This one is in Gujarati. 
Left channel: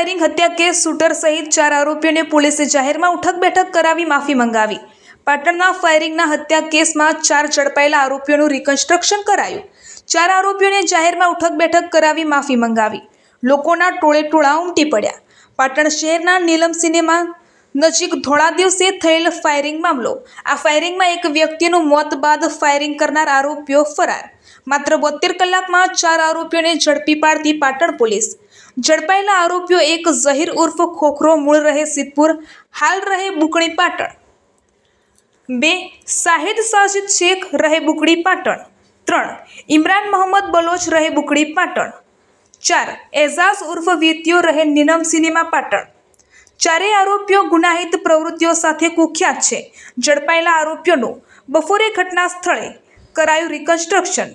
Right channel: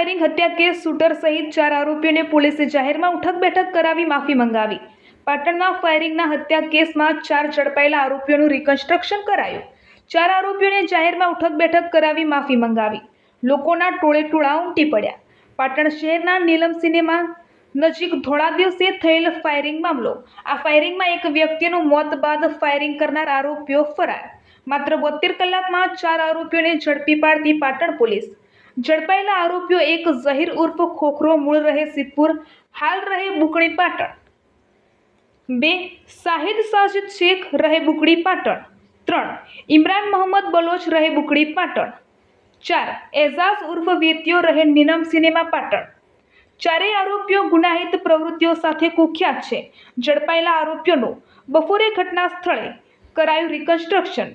ફાયરિંગ હત્યા કેસ શૂટર સહિત 4 આરોપીઓને પોલીસે જાહેરમાં ઉઠક બેઠક કરાવી માફી મંગાવી। પાટણના ફાયરિંગના હત્યા કેસમાં 4 ઝડપાયેલા આરોપીઓનું રિકન્સ્ટ્રક્શન કરાયું। 4 આરોપીઓને જાહેરમાં ઉઠક બેઠક કરાવી માફી મંગાવી। લોકોના ટોળે ટોળા ઉમટી પડ્યા। પાટણ શહેરના નીલમ સિનેમા નજીક ધોળા દિવસે થયેલ ફાયરિંગ મામલો। આ ફાયરિંગમાં એક વ્યક્તિનું મોત બાદ ફાયરિંગ કરનાર આરોપીઓ ફરાર। માત્ર 72 કલાકમાં 4 આરોપીઓને ઝડપી પાડતી પાટણ પોલીસ। ઝડપાયેલા આરોપીઓ 1 ઝહીર ઉર્ફ ખોખરો મૂળ રહે સિદ્ધપુર, હાલ રહે બુકણી પાટણ। 2 શાહિદ સાજિદ શેખ રહે બુકડી પાટણ। 3 ઇમરાન મોહમ્મદ બલોચ રહે બુકડી પાટણ। 4 એઝાઝ ઉર્ફ વેતિયો રહે નીલમ સિનેમા પાટણ। ચારેય આરોપીઓ ગુનાહિત પ્રવૃત્તિઓ સાથે કુખ્યાત છે। ઝડપાયેલા આરોપીઓનું બપોરે ઘટના સ્થળે કરાયું રિકન્સ્ટ્રક્શન।